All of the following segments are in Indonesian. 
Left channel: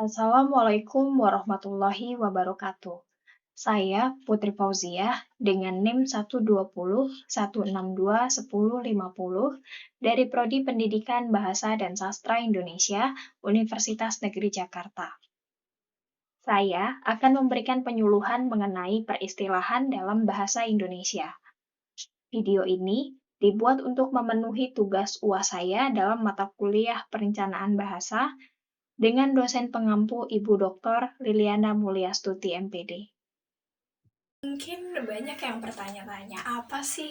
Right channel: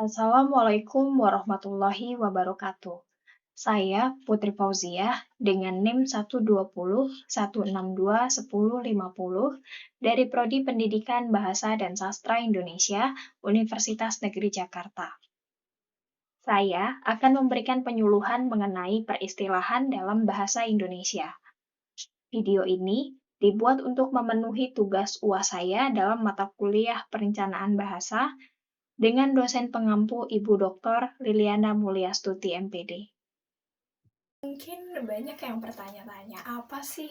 Assalamualaikum warahmatullahi wabarakatuh. Saya Putri Fauziah dengan NIM 120 162 1050 dari Prodi Pendidikan Bahasa dan Sastra Indonesia, Universitas Negeri Jakarta. Saya akan memberikan penyuluhan mengenai peristilahan dalam bahasa Indonesia. Video ini dibuat untuk memenuhi tugas UAS saya dalam mata kuliah Perencanaan Bahasa dengan dosen pengampu Ibu Dr. Liliana Mulyastuti MPD. Mungkin banyak yang bertanya-tanya, apa sih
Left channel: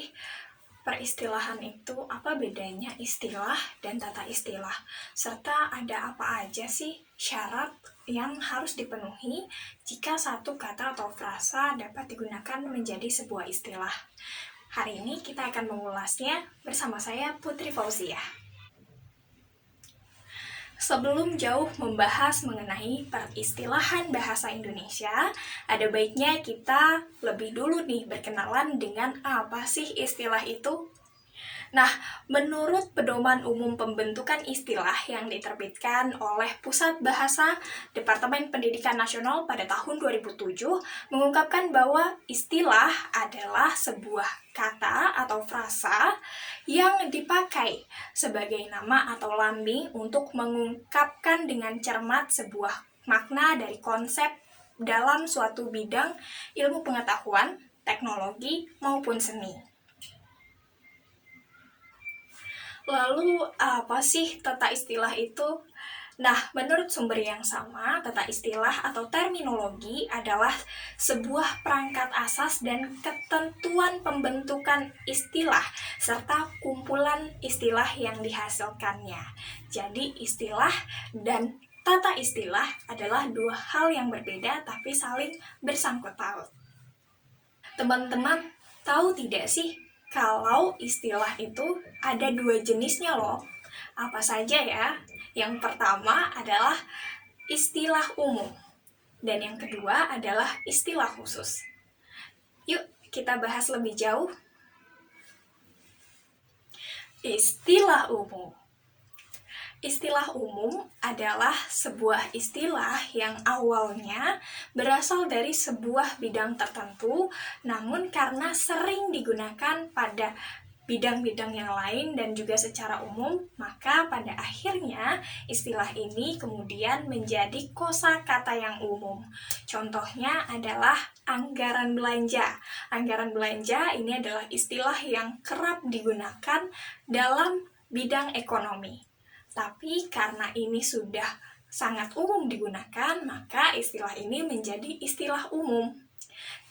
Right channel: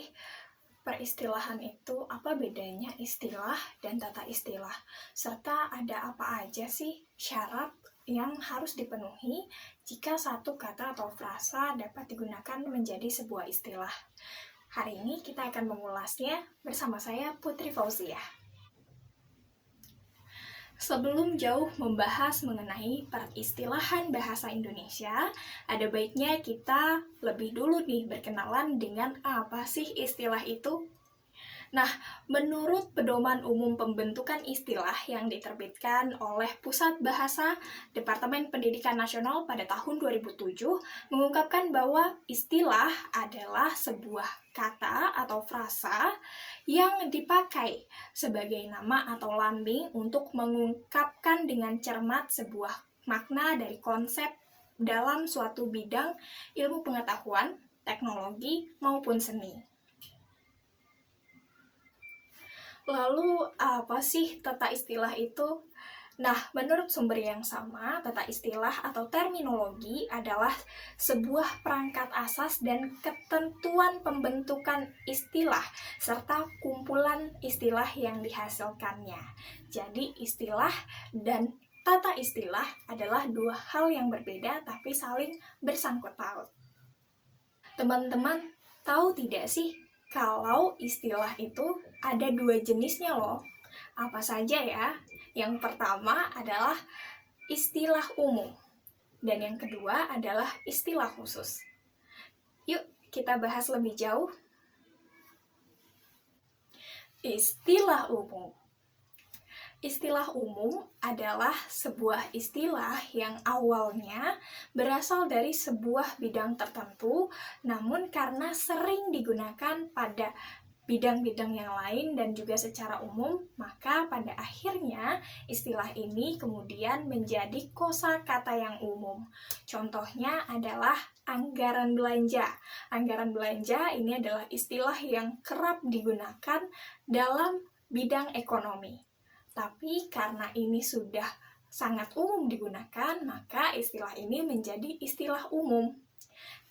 peristilahan itu? Apa bedanya istilah dan tata istilah? Serta ada apa aja sih syarat yang harus dipenuhi jika satu kata atau frasa dapat digunakan menjadi sebuah istilah? Hari ini kita akan mengulasnya bersama saya Putri Fauziah. Sebelum jauh membahas mengenai peristilahan bahasa Indonesia, ada baiknya kita lebih dulu nih berkenalan dengan apa sih istilah itu. Nah, menurut Pedoman Umum Pembentukan Istilah yang diterbitkan oleh Pusat Bahasa Departemen Pendidikan Nasional pada tahun 2007, mengungkapkan bahwa istilah adalah sebuah kata atau frasa yang dipakai sebagai nama atau lambing untuk mengungkapkan dengan cermat sebuah makna dari konsep dalam suatu bidang ilmu pengetahuan, teknologi, maupun seni. Lalu apa sih tata istilah itu? Nah, menurut sumber yang sama, tata istilah atau terminologi adalah sebuah perangkat asas dan ketentuan pembentukan istilah serta kumpulan istilah yang dihasilkannya. Jadi, istilah dan tata istilah adalah dua hal yang berbeda tapi saling bersangkut paut. Teman-teman, tahu tidak sih kalau istilah itu ada dua jenisnya loh? Apa saja ya? Yang pertama adalah istilah umum dan yang kedua adalah istilah khusus. Yuk kita bahas lebih jauh. Istilah umum. Istilah umum adalah sebuah istilah yang awalnya berasal dari sebuah bidang tertentu, namun karena sering digunakan pada bidang-bidang yang lain dan juga secara umum, maka pada akhirnya istilah ini kemudian menjadi kosakata yang umum. Contohnya adalah anggaran belanja. Anggaran belanja ini adalah istilah yang kerap digunakan dalam bidang ekonomi. Tapi karena ini sudah sangat umum digunakan, maka istilah ini menjadi istilah umum.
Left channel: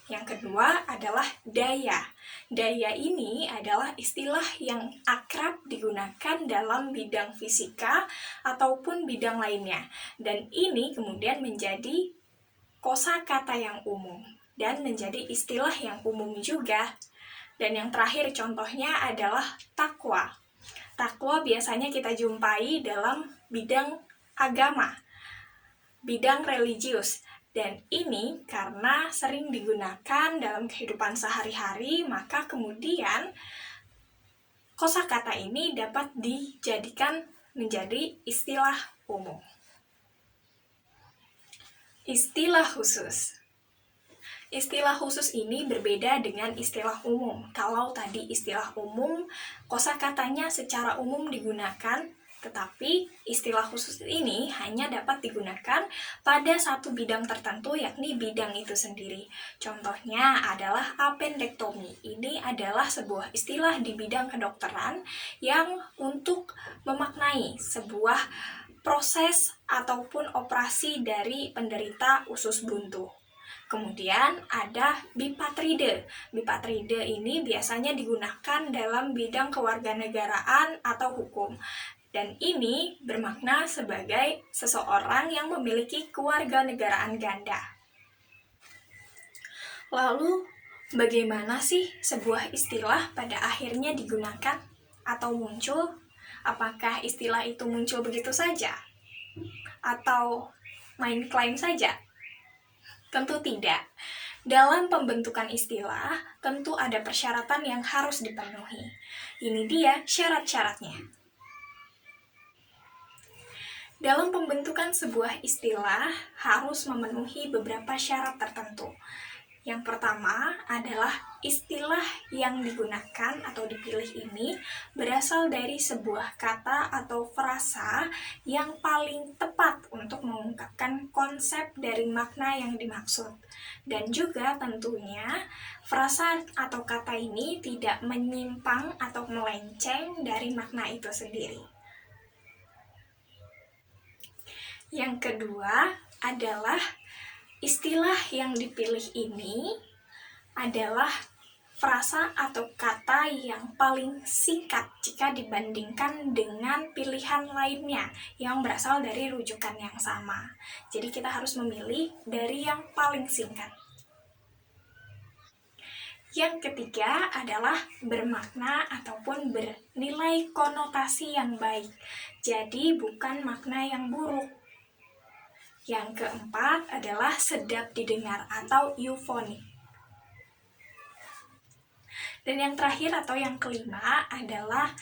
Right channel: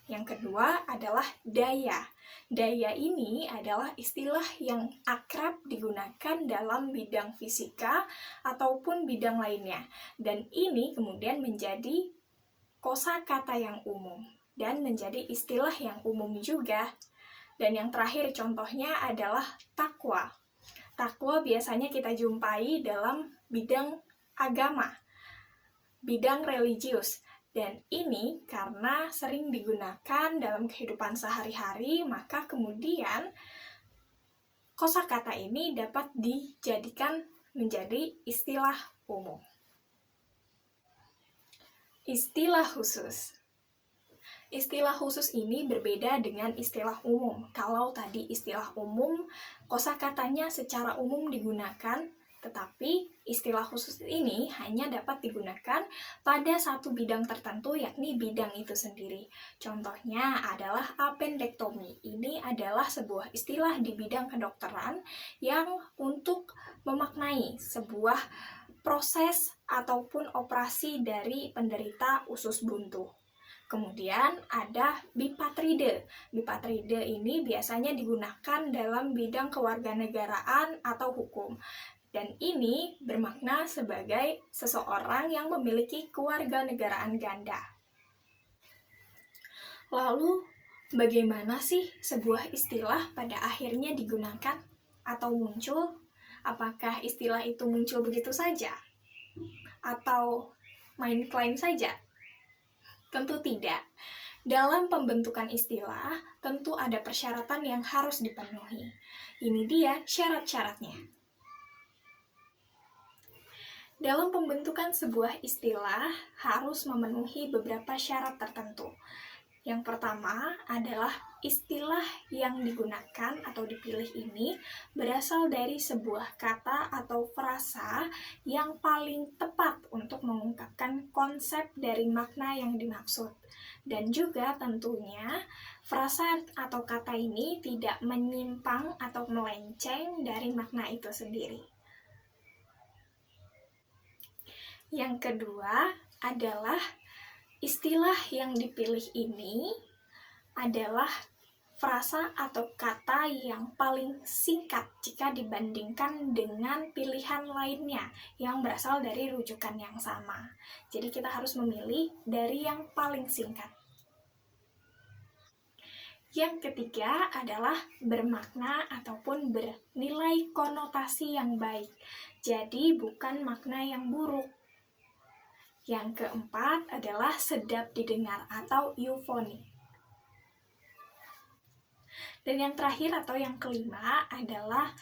Yang kedua adalah daya. Daya ini adalah istilah yang akrab digunakan dalam bidang fisika ataupun bidang lainnya. Dan ini kemudian menjadi kosakata yang umum dan menjadi istilah yang umum juga. Dan yang terakhir contohnya adalah takwa. Takwa biasanya kita jumpai dalam bidang agama, bidang religius. Dan ini karena sering digunakan dalam kehidupan sehari-hari, maka kemudian kosakata ini dapat dijadikan menjadi istilah umum. Istilah khusus. Istilah khusus ini berbeda dengan istilah umum. Kalau tadi istilah umum, kosakatanya secara umum digunakan, tetapi istilah khusus ini hanya dapat digunakan pada satu bidang tertentu, yakni bidang itu sendiri. Contohnya adalah appendektomi. Ini adalah sebuah istilah di bidang kedokteran yang untuk memaknai sebuah proses ataupun operasi dari penderita usus buntu. Kemudian ada bipatride. Bipatride ini biasanya digunakan dalam bidang kewarganegaraan atau hukum. Dan ini bermakna sebagai seseorang yang memiliki kewarganegaraan ganda. Lalu, bagaimana sih sebuah istilah pada akhirnya digunakan atau muncul? Apakah istilah itu muncul begitu saja? Atau main klaim saja? Tentu tidak. Dalam pembentukan istilah, tentu ada persyaratan yang harus dipenuhi. Ini dia syarat-syaratnya. Dalam pembentukan sebuah istilah harus memenuhi beberapa syarat tertentu. Yang pertama adalah istilah yang digunakan atau dipilih ini berasal dari sebuah kata atau frasa yang paling tepat untuk mengungkapkan konsep dari makna yang dimaksud. Dan juga tentunya frasa atau kata ini tidak menyimpang atau melenceng dari makna itu sendiri. Yang kedua adalah istilah yang dipilih ini adalah frasa atau kata yang paling singkat jika dibandingkan dengan pilihan lainnya yang berasal dari rujukan yang sama. Jadi kita harus memilih dari yang paling singkat. Yang ketiga adalah bermakna ataupun bernilai konotasi yang baik. Jadi bukan makna yang buruk. Yang keempat adalah sedap didengar atau eufonik. Dan yang terakhir atau yang kelima adalah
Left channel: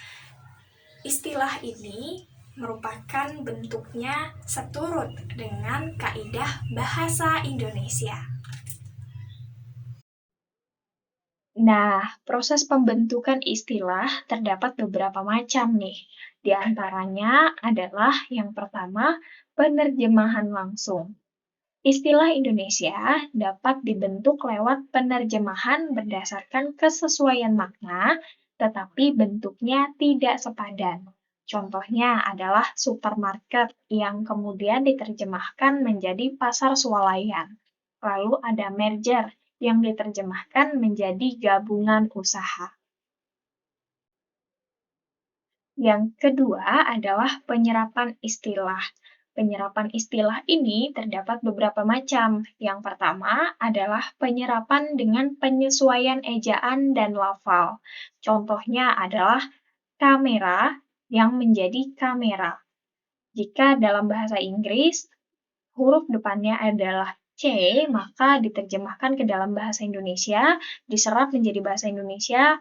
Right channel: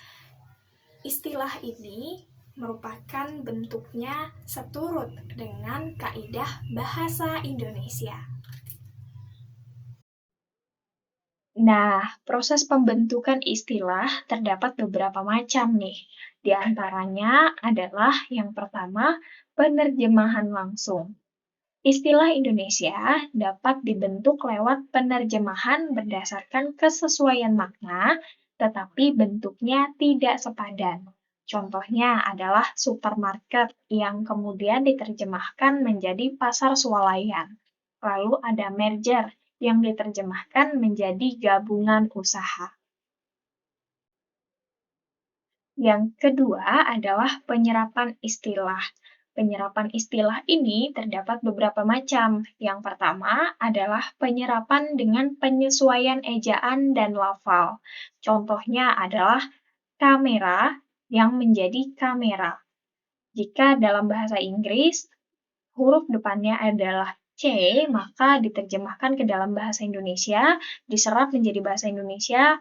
istilah ini merupakan bentuknya seturut dengan kaidah bahasa Indonesia. Nah, proses pembentukan istilah terdapat beberapa macam nih. Di antaranya adalah yang pertama, penerjemahan langsung. Istilah Indonesia dapat dibentuk lewat penerjemahan berdasarkan kesesuaian makna, tetapi bentuknya tidak sepadan. Contohnya adalah supermarket yang kemudian diterjemahkan menjadi pasar swalayan. Lalu ada merger yang diterjemahkan menjadi gabungan usaha. Yang kedua adalah penyerapan istilah. Penyerapan istilah ini terdapat beberapa macam. Yang pertama adalah penyerapan dengan penyesuaian ejaan dan lafal. Contohnya adalah kamera yang menjadi kamera. Jika dalam bahasa Inggris, huruf depannya adalah C, maka diterjemahkan ke dalam bahasa Indonesia, diserap menjadi bahasa Indonesia,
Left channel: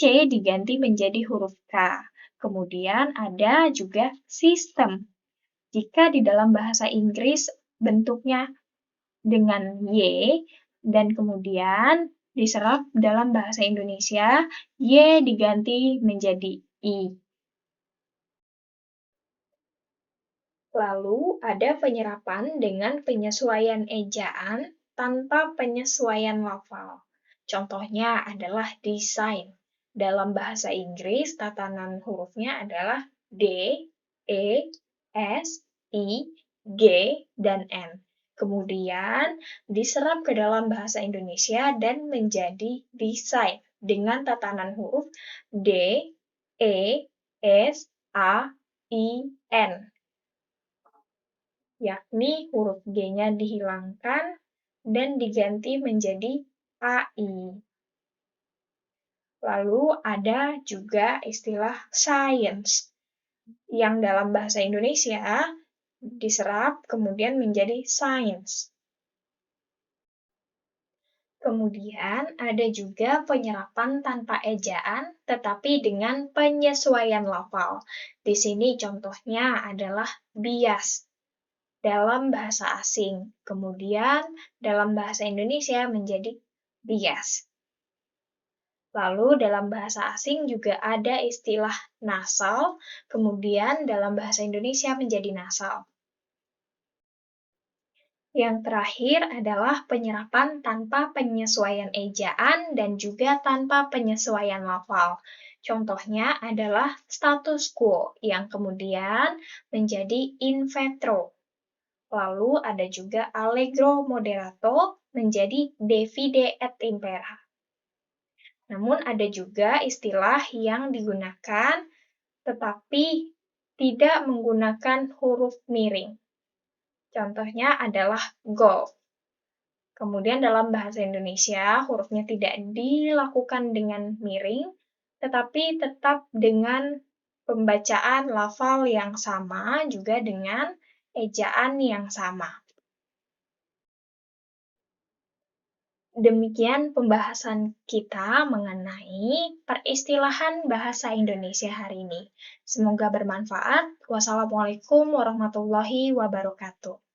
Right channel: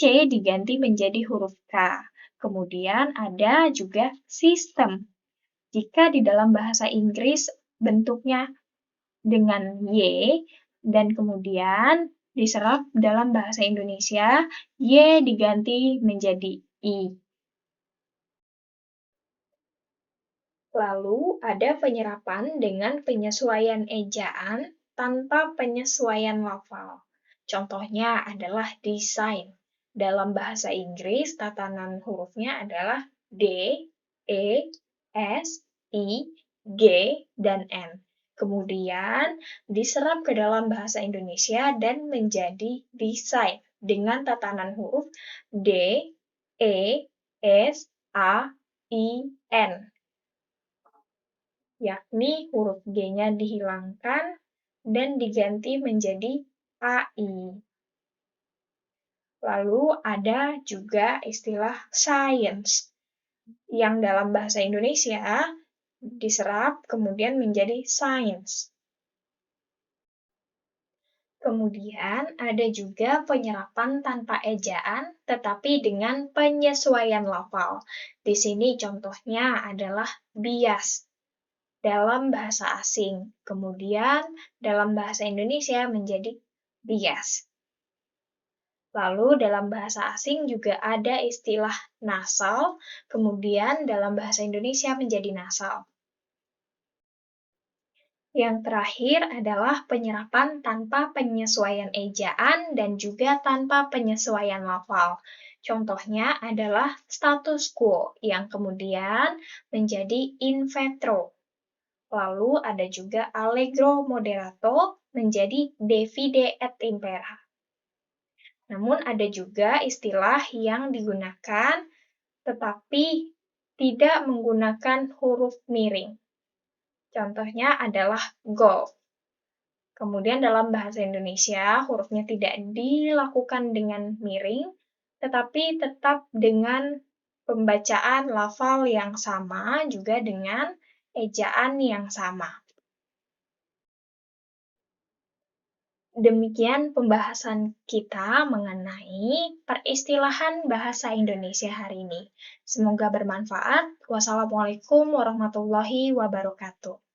C diganti menjadi huruf K. Kemudian ada juga sistem. Jika di dalam bahasa Inggris bentuknya dengan Y, dan kemudian diserap dalam bahasa Indonesia, Y diganti menjadi I. Lalu ada penyerapan dengan penyesuaian ejaan tanpa penyesuaian lafal. Contohnya adalah design. Dalam bahasa Inggris, tatanan hurufnya adalah D, E, S, I, G, dan N. Kemudian diserap ke dalam bahasa Indonesia dan menjadi design dengan tatanan huruf D, E, S, A, I, N. Yakni huruf G-nya dihilangkan dan diganti menjadi AI. Lalu ada juga istilah science, yang dalam bahasa Indonesia diserap kemudian menjadi science. Kemudian ada juga penyerapan tanpa ejaan tetapi dengan penyesuaian lafal. Di sini contohnya adalah bias dalam bahasa asing. Kemudian dalam bahasa Indonesia menjadi bias. Lalu dalam bahasa asing juga ada istilah nasal, kemudian dalam bahasa Indonesia menjadi nasal. Yang terakhir adalah penyerapan tanpa penyesuaian ejaan dan juga tanpa penyesuaian lafal. Contohnya adalah status quo yang kemudian menjadi in vitro. Lalu ada juga allegro moderato menjadi divide et impera. Namun ada juga istilah yang digunakan tetapi tidak menggunakan huruf miring. Contohnya adalah golf. Kemudian dalam bahasa Indonesia hurufnya tidak dilakukan dengan miring, tetapi tetap dengan pembacaan lafal yang sama, juga dengan ejaan yang sama. Demikian pembahasan kita mengenai peristilahan bahasa Indonesia hari ini. Semoga bermanfaat. Wassalamualaikum warahmatullahi wabarakatuh.